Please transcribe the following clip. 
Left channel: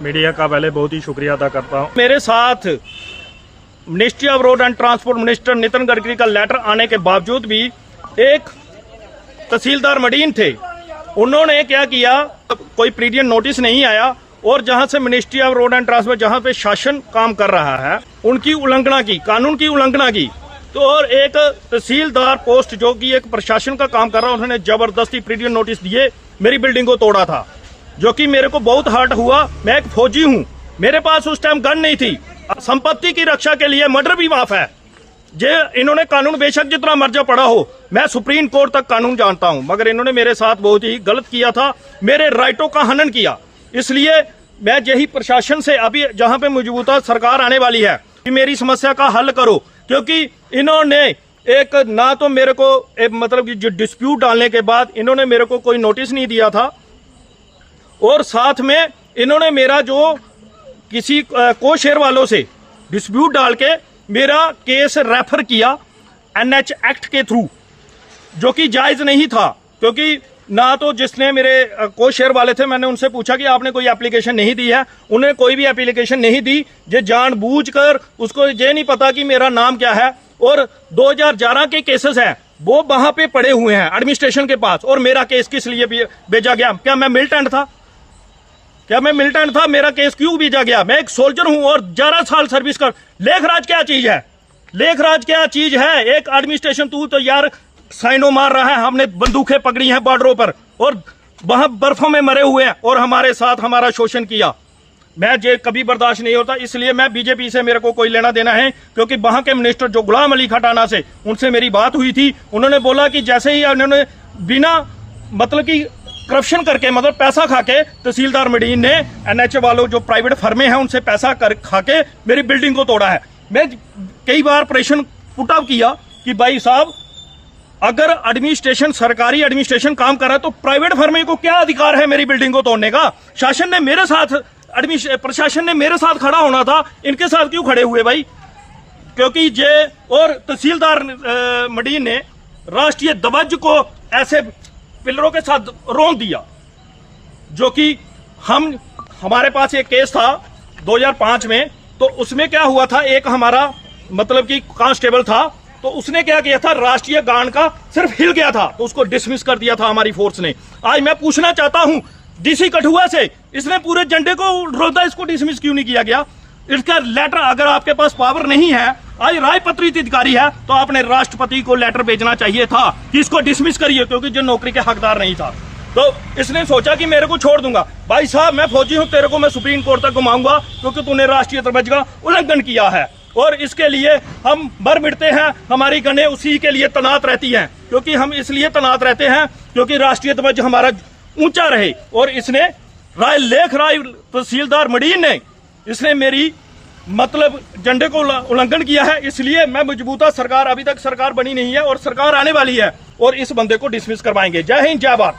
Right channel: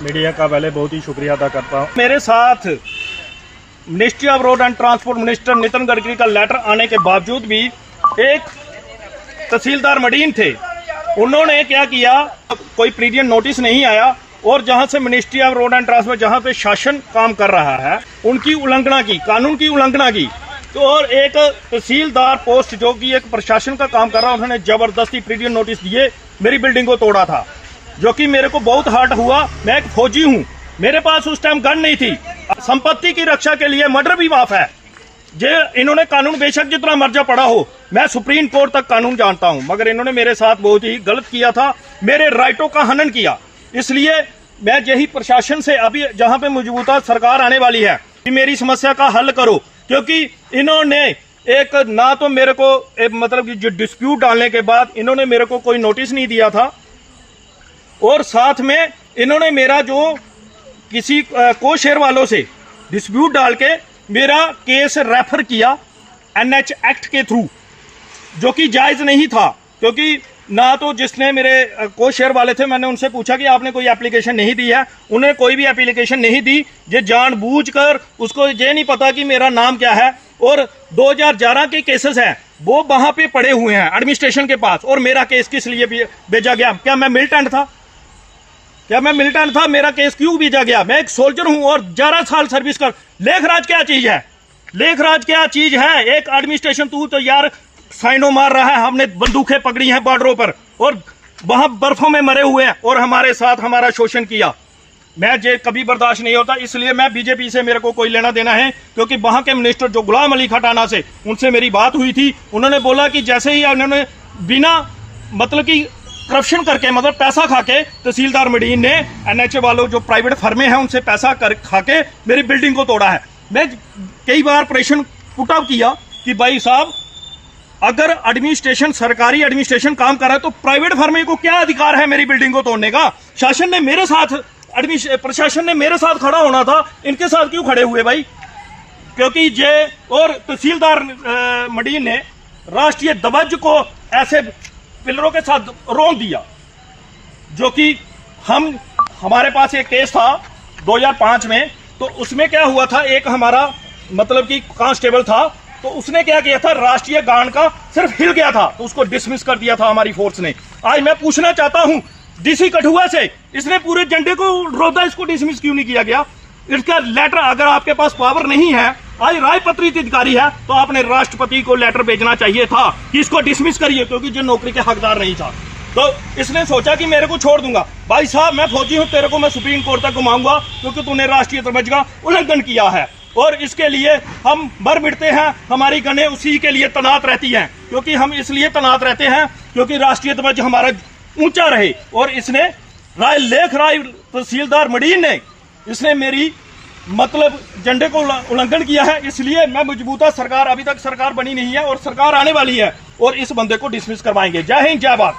Media का पहले बहुत ही शुक्रिया अदा करता हूँ। मेरे साथ ministry of road and transport minister Nitin Gadkari का लेटर आने के बावजूद भी एक तहसीलदार मडीन थे, उन्होंने क्या किया, कोई प्रीवियस नोटिस नहीं आया और जहां से ministry of road and transport जहां पे शासन काम कर रहा है उनकी उल्लंघना की, कानून की उल्लंघना की। तो और एक तहसीलदार पोस्ट जो कि एक प्रशासन का काम कर रहा है, उन्होंने जबरदस्ती प्रीवियस नोटिस दिए, मेरी बिल्डिंग को तोड़ा था, जो कि मेरे को बहुत हर्ट हुआ। मैं एक फौजी हूं, मेरे पास उस टाइम गन नहीं थी। संपत्ति की रक्षा के लिए मर्डर भी माफ है। जे इन्होंने कानून बेशक जितना मर्जा पड़ा हो, मैं सुप्रीम कोर्ट तक कानून जानता हूं, मगर इन्होंने मेरे साथ बहुत ही गलत किया था, मेरे राइटों का हनन किया। इसलिए मैं यही प्रशासन से अभी जहां पे मौजूदा सरकार आने वाली है कि मेरी समस्या का हल करो, क्योंकि इन्होंने एक ना तो मेरे को मतलब जो डिस्प्यूट डालने के बाद इन्होंने मेरे को कोई नोटिस नहीं दिया था, और साथ में इन्होंने मेरा जो किसी को शेयर वालों से डिस्प्यूट डाल के मेरा केस रेफर किया एनएच एक्ट के थ्रू, जो कि जायज नहीं था। क्योंकि ना तो जिसने मेरे को शेयर वाले थे, मैंने उनसे पूछा कि आपने कोई एप्लीकेशन नहीं दी है, उन्हें कोई भी एप्लीकेशन नहीं दी। ये जानबूझकर, उसको ये नहीं पता कि मेरा नाम क्या है, और 2011 के केसेस हैं वो वहां पे पड़े हुए हैं एडमिनिस्ट्रेशन के पास, और मेरा केस किस लिए भेजा गया? क्या मैं मिलिटेंट था? मेरा केस क्यों भेजा गया? मैं एक सोल्जर हूं और 11 साल सर्विस कर। लेखराज क्या चीज है? लेखराज क्या चीज है? एक एडमिनिस्ट्रेशन, तू तो यार साइनो मार रहा है, हमने बंदूकें पकड़ी हैं बॉर्डरों पर और वहां बर्फों में मरे हुए हैं और हमारे साथ हमारा शोषण किया। मैं ये कभी बर्दाश्त नहीं होता। इसलिए मैं बीजेपी से मेरे को कोई लेना देना है, क्योंकि वहां के मिनिस्टर जो गुलाम अली खटाना से, उनसे मेरी बात हुई थी। उन्होंने बोला कि जैसे ही उन्होंने बिना मतलब की करप्शन करके, मतलब पैसा खा के, तहसीलदार मडीन ने एनएच वालों जो प्राइवेट फर्में हैं उनसे पैसा खा के मेरी बिल्डिंग को तोड़ा है। मैं कई बार प्रेशर पुट अप किया कि भाई साहब, अगर एडमिनिस्ट्रेशन, सरकारी एडमिनिस्ट्रेशन काम कर रहा है तो प्राइवेट फर्मे को क्या अधिकार है मेरी बिल्डिंग को तोड़ने का? शासन ने मेरे साथ, प्रशासन ने मेरे साथ खड़ा होना था, इनके साथ क्यों खड़े हुए भाई? क्योंकि ये और तहसीलदार मडीन ने राष्ट्रीय ध्वज को ऐसे पिलरों के साथ रोन दिया, जो कि हमारे पास एक केस था 2005 में। तो उसमें क्या हुआ था, एक हमारा मतलब कि कांस्टेबल था, तो उसने क्या किया था, राष्ट्रीय गान का सिर्फ हिल गया था तो उसको डिसमिस कर दिया था हमारी फोर्स ने। आज मैं पूछना चाहता हूं डीसी कठुआ से, इसने पूरे झंडे को रोदा, इसको डिसमिस क्यों नहीं किया गया? इसका लेटर, अगर आपके पास पावर नहीं है, आज राजपत्रित अधिकारी है, तो आपने राष्ट्रपति को लेटर भेजना चाहिए था कि इसको डिसमिस करिए, क्योंकि जो नौकरी के हकदार नहीं था। तो इसने सोचा कि मेरे को छोड़ दूंगा। भाई साहब, मैं फौजी हूं, तेरे को मैं सुप्रीम कोर्ट तक घुमाऊंगा, क्योंकि तूने राष्ट्रीय ध्वज का उल्लंघन किया है। और इसके लिए हम बर बिड़ते हैं, हमारी गनें उसी के लिए तैनात रहती हैं, क्योंकि हम इसलिए तैनात रहते हैं क्योंकि राष्ट्रीय ध्वज हमारा ऊंचा रहे। और इसने लेखराज तहसीलदार मडीन ने, इसने मेरी मतलब झंडे को उल्लंघन किया है। इसलिए मैं मजबूता सरकार, अभी तक सरकार बनी नहीं है और सरकार आने वाली है, और इस बंदे को डिसमिस करवाएंगे। जय हिंद, जय भारत।